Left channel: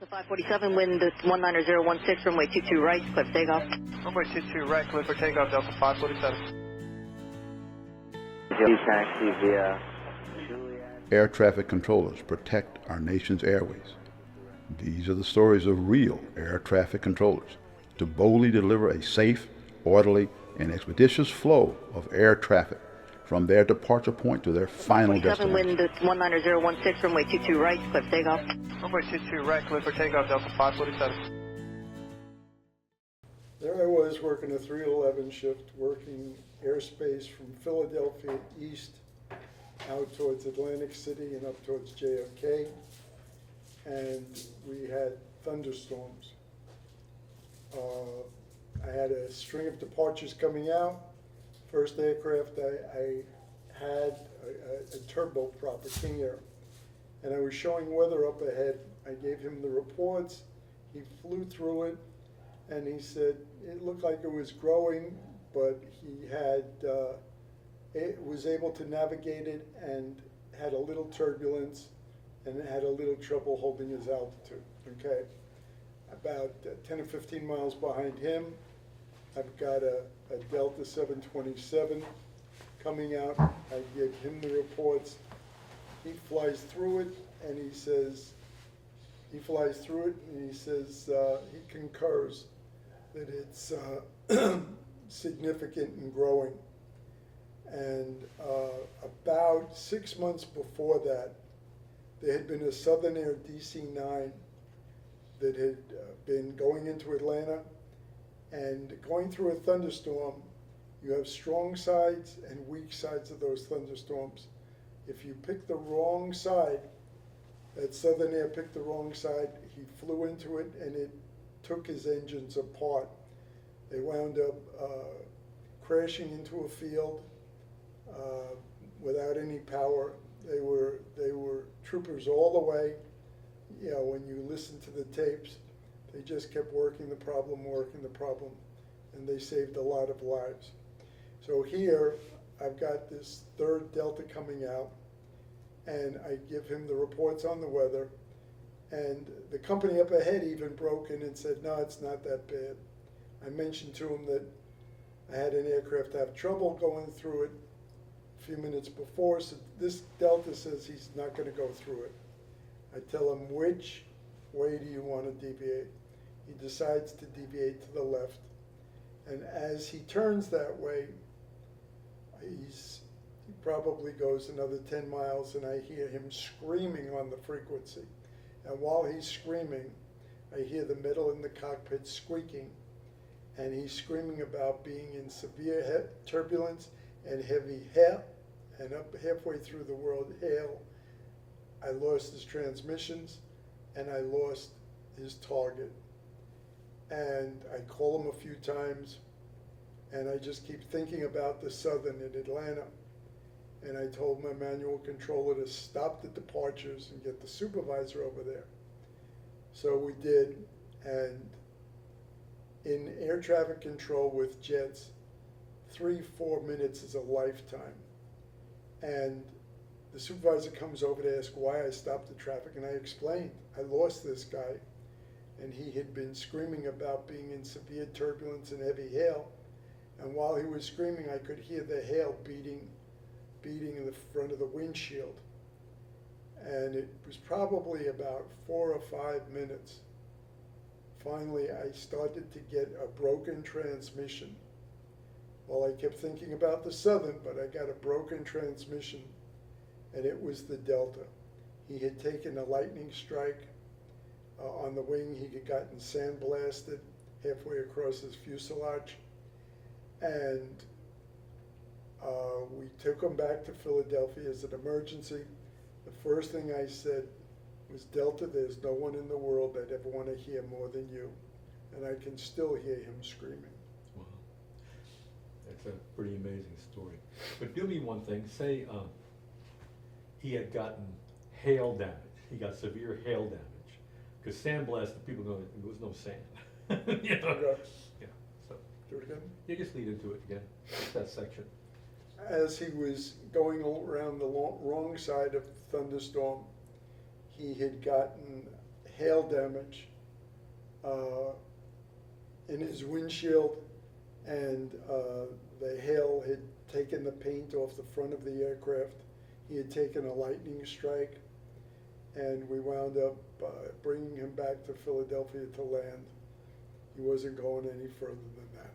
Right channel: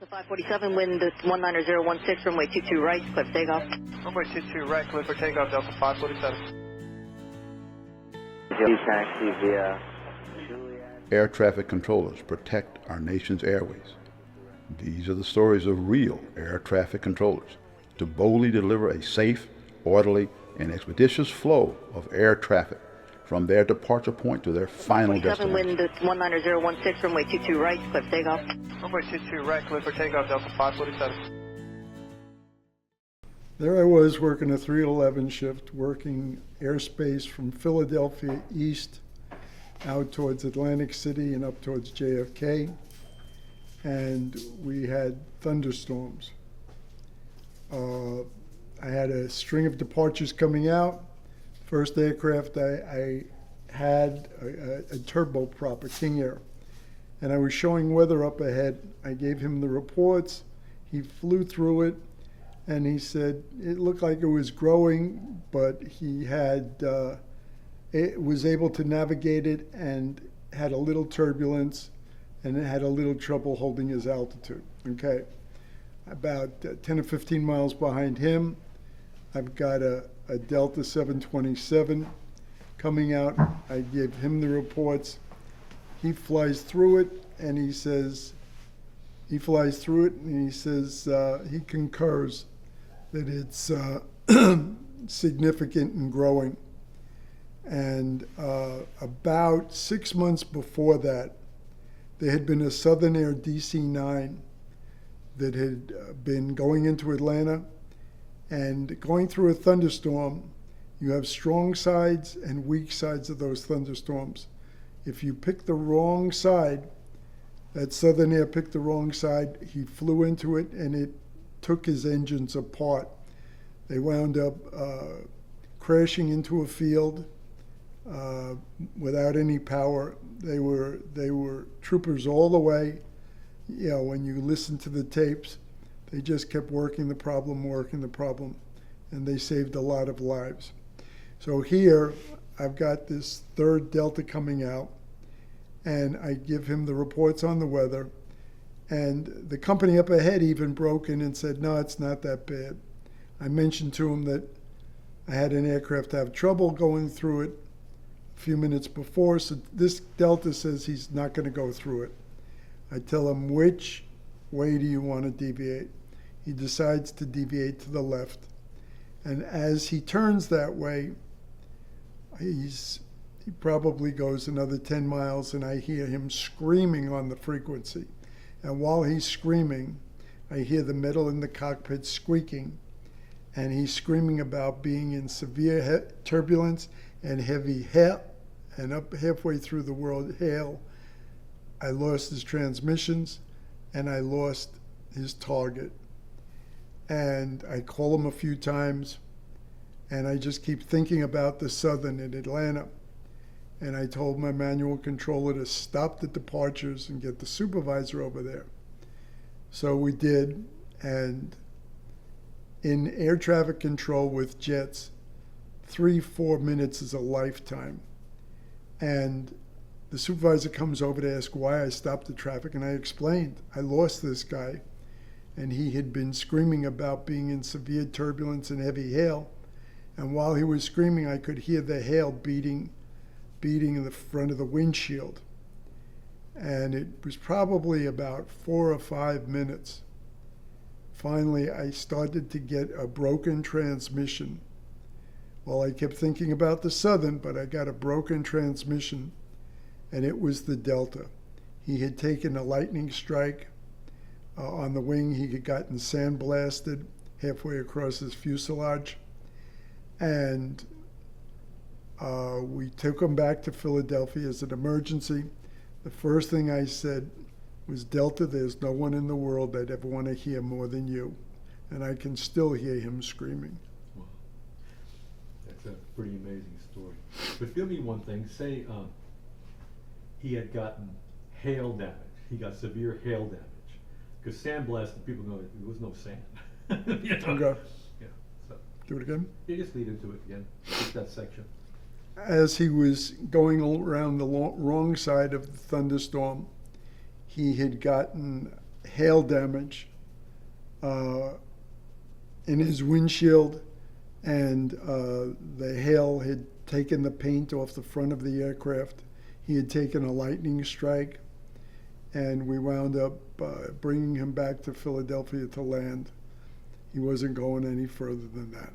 Delta 547, wind 19016, runway 22 right, clear for takeoff. Runway 22 right, clear for takeoff, Delta 547. Taxi via Air traffic controllers protect our nation's airways. These are the stories of real air traffic controllers to boldly deliver a safe, orderly, and expeditious flow of air traffic from their departure point to their final destination. Wind 19016, runway 22 right, clear for takeoff. Runway 22 right, clear for takeoff, Delta 547. There I was working a 311 shift, working airspace from Philadelphia east out towards Atlantic City and up towards JFK, and we had thunderstorms. I had a string of departures coming out. First aircraft I had a turboprop, a King Air, and I was showing weather up ahead. I gave him the reports. He flew through it, and he said it looked like it was growing, but he had was able to navigate it and had a little turbulence and had a little trouble holding his altitude. Okay, about 10 or 15 miles behind him, I've got a Delta 727 coming out. I give him the reports. He flies through it, and he says, he concurs that it's significant and growing. And about 6 months before that, there had been a Southern Air DC-9 that had been going into Atlanta, and going through a thunderstorm, you have strong sides and weak sides of those thunderstorms. If you pick the wrong side, that Southern Air picked the wrong side, he flew into it and it took his engines apart. They wound up crashing into a field without any power. They were troopers all the way. You know, when you listen to the tapes, they just kept working the problem, and they saved a lot of lives. So here, I've got this third Delta coming out, and I give him the reports on the weather, and the company up ahead even broke in and said, no, it's not that bad. I mentioned to him that I had an aircraft have trouble going through it a few minutes before, so this Delta says he's not going to go through it. I tell him, which way do you want to deviate? He decides to deviate to the left. And as he turns that way, he probably goes another 10 miles, and I hear him screaming on the frequency. And while he's screaming, I hear the metal in the cockpit squeaking, and he's screaming about being in severe turbulence and heavy hail, and up halfway through the word hail, I lost his transmissions and I lost his target. And I call him a few times, and I just keep thinking about the Southern in Atlanta. And I told my manual controller to stop the departures and get the supervisor over there. So we did, and in air traffic control with jets, 3-4 minutes is a lifetime. And the supervisor comes over to ask why I stopped the traffic, and I explained, I lost this guy, and he had been screaming about being in severe turbulence and heavy hail. And while he was screaming, I could hear the hail beating the front of the windshield. And it was probably about 4 or 5 minutes. Finally, I started to get a broken transmission. Well, I kept thinking about the Southern, but I got a broken transmission, and it was the Delta. He had taken a lightning strike on the wing. He had gotten sandblasted halfway across his fuselage, and we took him back to Philadelphia as an emergency. The first thing I said was, Delta, there's no one in the world I'd ever want to hear more than you. And I can still hear him screaming. Wow. That's a pretty amazing story. But give me one thing. Say he had gotten hail damage. He got severe hail damage. Because sandblasting, people know there was no sand. You know? Okay. Yeah. So, Do it again. yeah, just lead into it again. Just that section. As he was going around the wrong side of the thunderstorm, he had gotten hail damage in his windshield, and the hail had taken the paint off the front of the aircraft. He had taken a lightning strike, and we wound up bringing him back to Philadelphia to land. He wasn't going any further than that.